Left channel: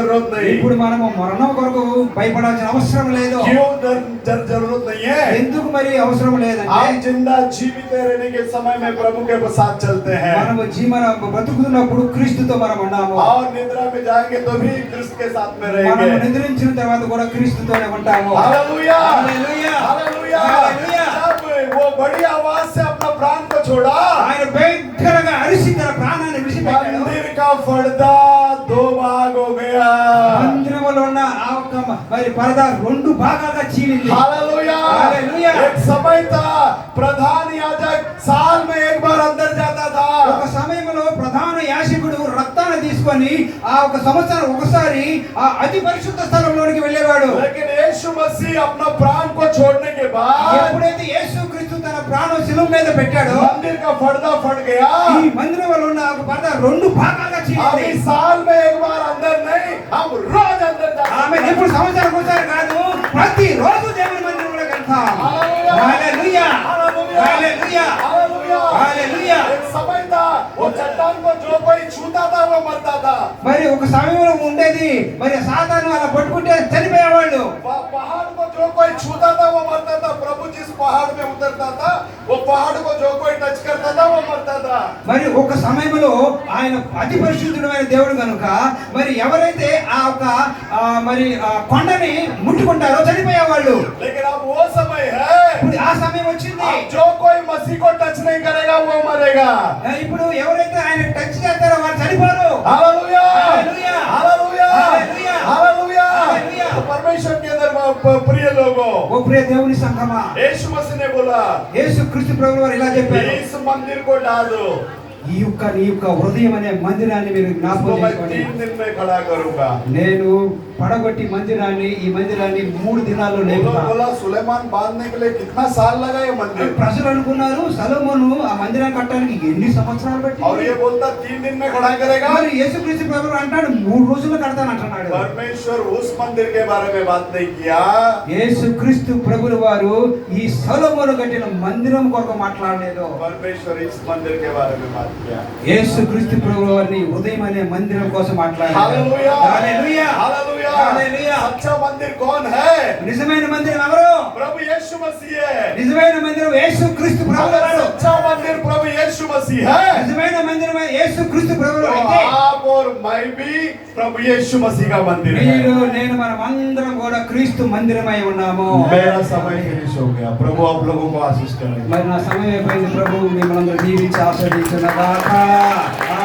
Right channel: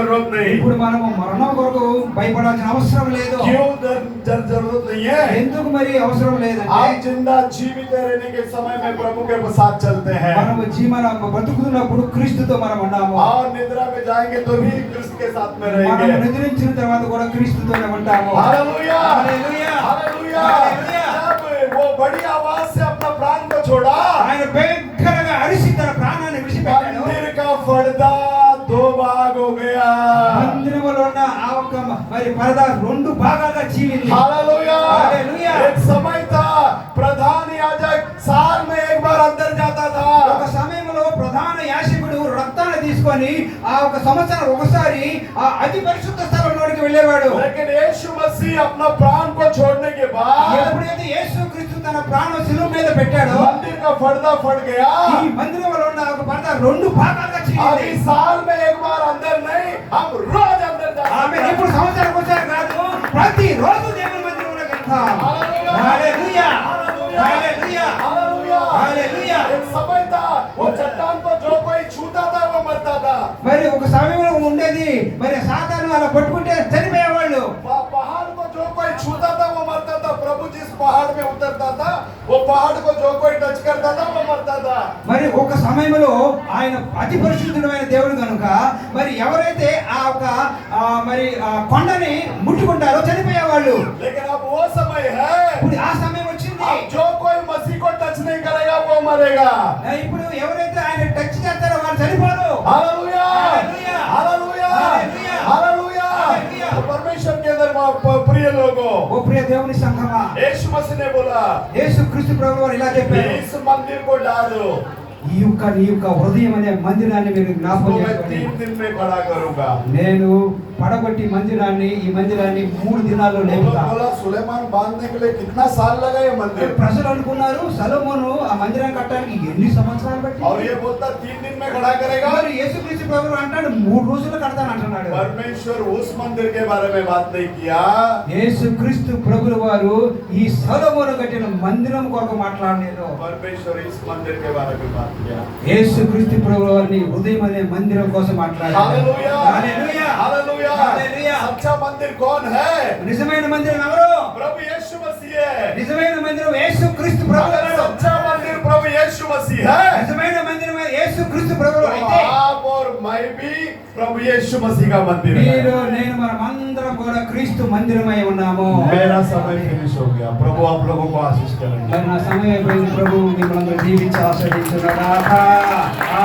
जरूरत नहीं। ఇప్పుడు మనము మరణం కొరకు భయపడాల్సిన అవసరం లేదు. क्यों जरूरत नहीं है? ఎందుకు మరి అవసరం లేదంటే आप जिंदा जीवित रहने के समय में प्रभु के साथ चलते हैं మనము జీవన బ్రతుకుతున్నప్పుడు క్రీస్తుతో మనం ఉన్నాము. और निद्रा में जाएंगे तो भी क्रिस्त के साथ में रहेंगे. మనము నిద్రించిన తర్వాత కూడా క్రీస్తుతోనే ఉంటాము. हालेलुया हालेलुया हालेलुया हालेलुया. जब वो बड़ी आवाज से अपना प्राण को छोड़ा, ఆయన భయంకరంగా అరిసి తన ప్రాణాన్ని విడిచిపెట్టాడు. मंदिर का पर्दा दो भाग हो गया. మందిరములో ఉన్న ఆ ఒక్క మరి పరదా రెండు భాగాలుగా చీలింది. Hallelujah hallelujah. एक समय था प्रधान याजक साल में एक बार अंदर जाता था. ఒక సమయంలో ప్రధాన యాజకుడు రక్తాన్ని తీసుకొని ఆ ఒక సంవత్సరం ఒకసారి ఆ అతి పరిశుద్ధ స్థలంలోనికి వెళ్ళేవాడు. लेकिन यीशु मसीह अपना प्राण को छोड़ने के बाद ఎప్పుడైతే యేసుక్రీస్తు తన ప్రాణం శిలువ మీద పెట్టాడో मंदिर का पर्दा फट गया. ఈ మందిరంలో ఉన్న ఒక పరద రెండు భాగాలుగా अभी చీలింది. साल में एक बार अंदर नहीं, हम रोज अंदर जाते ఆమె हैं. ఎప్పుడు సంవత్సరం ఒకసారి కాదు, ప్రతి రోజు దేవుని మందిరంలోకి వెళ్తాం. Hallelujah hallelujah hallelujah hallelujah hallelujah hallelujah. एक समय था वो चट्टान को जो कोई छूता था वो मरता था. మరి ఒక సమయంలో ఉండేది, మరి సాతాను అలా కొట్టుకుంటే చనిపోయేవాళ్ళు. पहाड़ को जो कोई छूता था वो मरता था. प्रभु जिस पहाड़ में उतरता था वो पहाड़ को जो कोई टच करता था वो मरता था. మరి ఒక సమయంలో ఆయన అతి పరిశుద్ధుడైన దేవుడు కనుక మరి ఎవరైతే ఆ ఒక మరి ఆ కొండని ముట్టుకుంటారో చనిపోయేవాళ్ళు. लेकिन अब वो समय है, ఇప్పుడు ఆ సమయం వచ్చింది. अब जो कोई मसीह को टच नहीं करेगा वो मरेगा. ఇప్పుడు ఎవరైతే ఆయన టచ్ చేస్తారో వాళ్ళు చనిపోరు. हालेलुया हालेलुया हालेलुया हालेलुया हालेलुया. हालेलुया. तो परमेश्वर के अंदर प्रिय लोगों, ఓ ప్రియ దేవుని సంఘమా, यीशु मसीह ने बोला యేసుక్రీస్తు ప్రభువు వారు ఇలా చెప్పారు, इस मंदिर को डाल दो, నీ యొక్క హృదయం అనే మందిరాన్ని మీరు इसको జ్ఞాపకం मैं చేసుకోండి. 3 दिन में खड़ा करूंगा. నేను పడగొట్టి ఈ మందిరాన్ని 3 దినాల్లో లేపుతా. बोला सुलेमान बांधने के लिए कितना साल लगा ये मंदिर? ప్రజలు అనుకున్నారు సొలొమోను ఆ మందిరాన్ని కట్టడానికి ఎన్ని సంవత్సరాలు और పట్టింది. ये बोलता 3 दिन में खड़ा करेगा. మరి యేసుక్రీస్తు ప్రభువు అంటాడు 3 రోజుల్లో కడతాను అంటున్నాడు. परमेश्वर उस मंदिर के बारे में बात नहीं किया, యేసుక్రీస్తు ప్రభువు వారు ఈ సొలొమోను కట్టిన మందిరం కొరకు మాట్లాడలేదు. परमेश्वर इस मंदिर के बारे में बात किया. యేసుక్రీస్తు ప్రభువు వారిని హృదయం అనే మందిరం కోసం మాట్లాడారు. Hallelujah hallelujah hallelujah. हालेलुया. सच्चा मंदिर कौन है? నిజమైన మందిరం ఎవరు? प्रभु यीशु मसीह है. నిజమైన మందిరం యేసుక్రీస్తు ప్రభువు अगर వారు. सच्चा मंदिर प्रभु यीशु मसीह है నిజమైన మందిరం యేసుక్రీస్తు ప్రభువు तो అయితే आप और मैं भी प्रभु यीशु मसीह का मंदिर है. మీరు నేను మనమందరం కూడా క్రీస్తు మందిరమై ఉన్నాము. मेरा समय फिनिश हो गया. प्रभु आप लोगों को आशीष करें. మరి నా సమయం అయిపోయింది. ప్రభు మిమ్మల్ని దీవించి ఆశీర్వదించును గాక. ఆమేన్.